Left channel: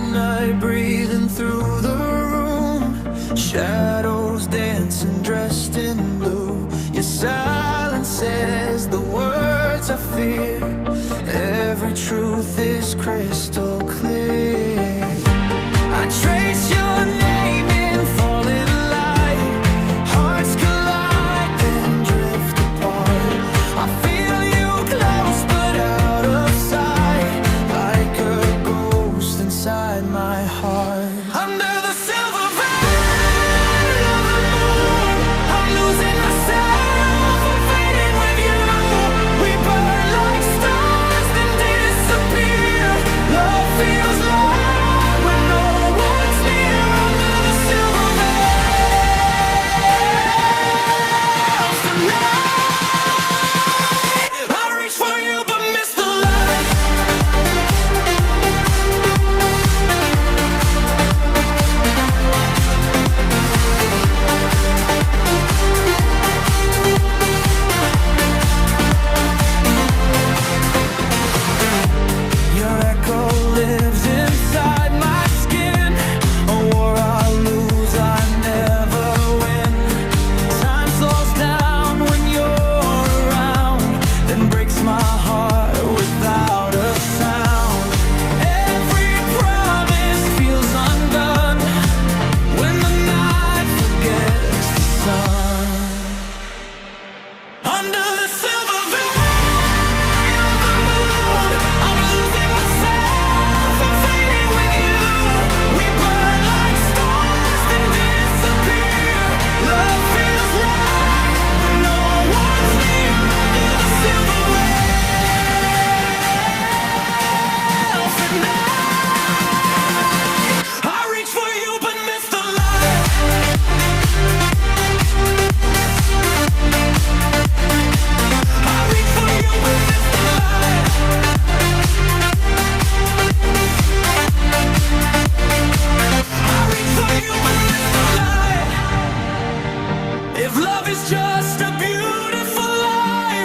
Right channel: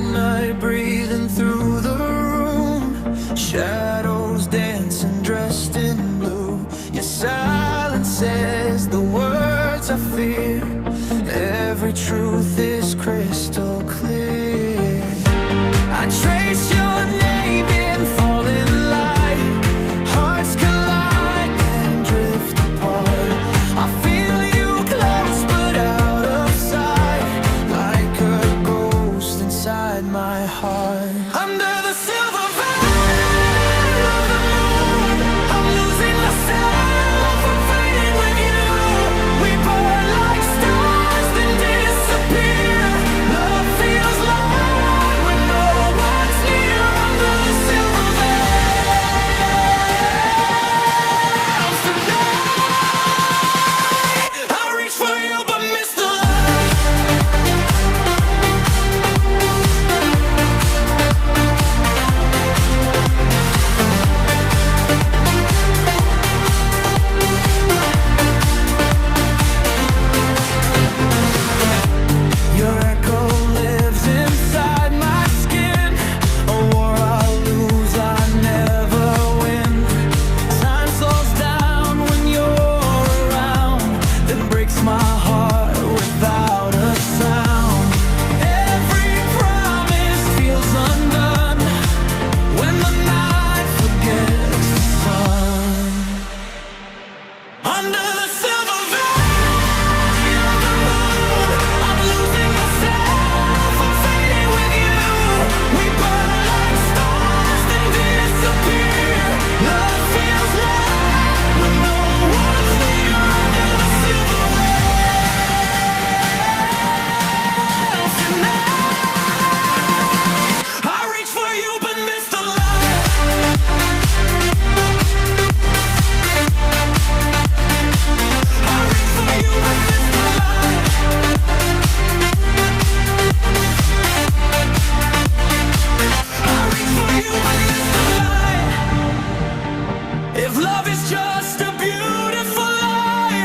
midnight breathing through the room, shadows dancing dressed in blue. Your silence says the words I fear. Every truth is crystal clear. I trace your name in falling light. Hearts collide then drift apart. I feel you close but out of sight, like a ghost inside my heart. Under the silver veil of the moon, I'm losing myself, I'm fading with you. We burn like stars then disappear. Love feels loud when no one's near. Under the silver veils tonight, I reach for you but miss the light. Your echo lives inside my skin. A war I lose, I never win. Time slows down when you're around, then breaks my heart without a sound. Every promise feels undone when the night forgets the sun. Under the silver veil of the moon, I'm losing myself, I'm fading with you. We burn like stars then disappear. Love feels loud when no one's near. Under the silver veil tonight, I reach for you but miss the light. I reach for you but miss the light. I reach for you but miss the light. If love is just a beautiful lie,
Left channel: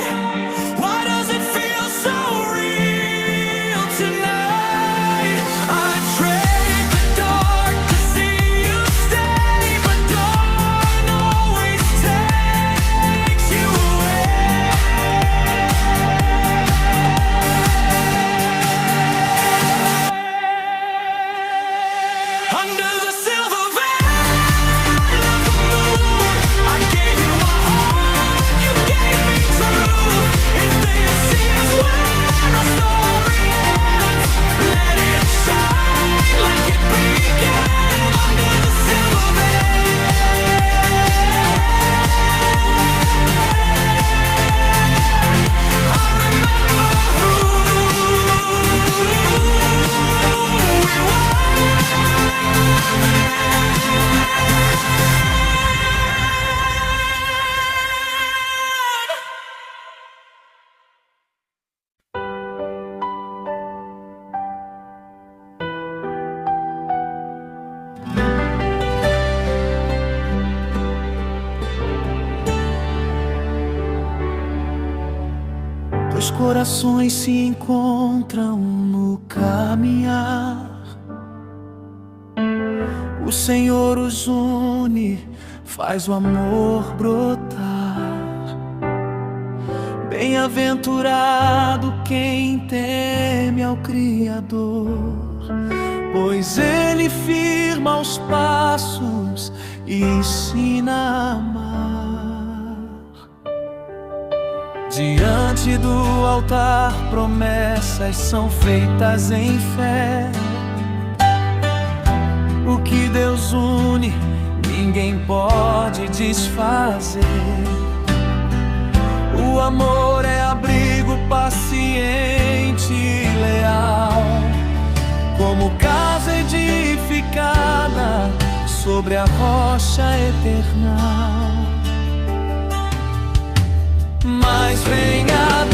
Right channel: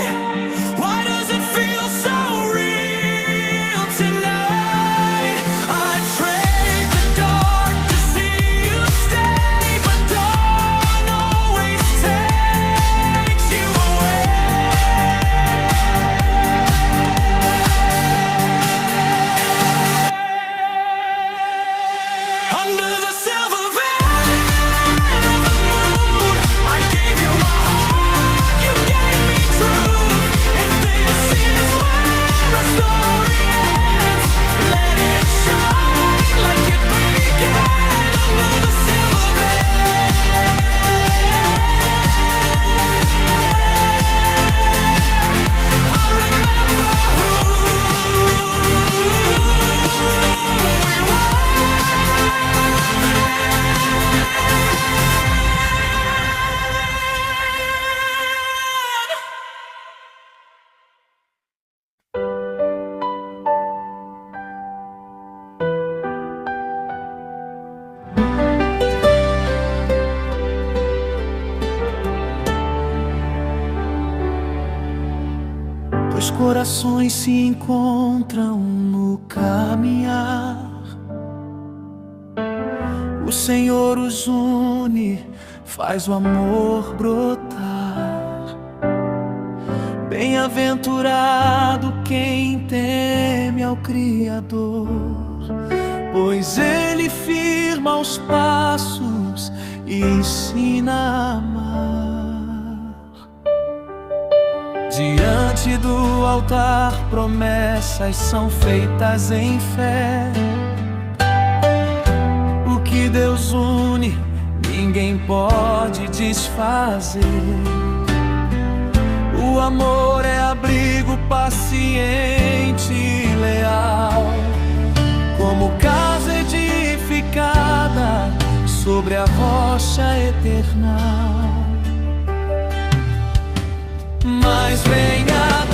why does it feel so real tonight? I trade the dark to see you stay, but dawn always takes you away. Under the silver veil of the moon, I gave you my heart, you gave me truth. If this is where our story ends, let it shine like it began. Under the silver veil, I remember who we were. Dois corações se encontram no caminhar. O Senhor os une, faz o amor brotar. Bem-aventurado quem teme ao Criador, pois Ele firma os passos e ensina a amar. Diante do altar, promessas são feitas em fé. O que Deus une, ninguém pode desfazer. O amor é abrigo paciente e leal, como casa edificada sobre a rocha eterna. Mas venha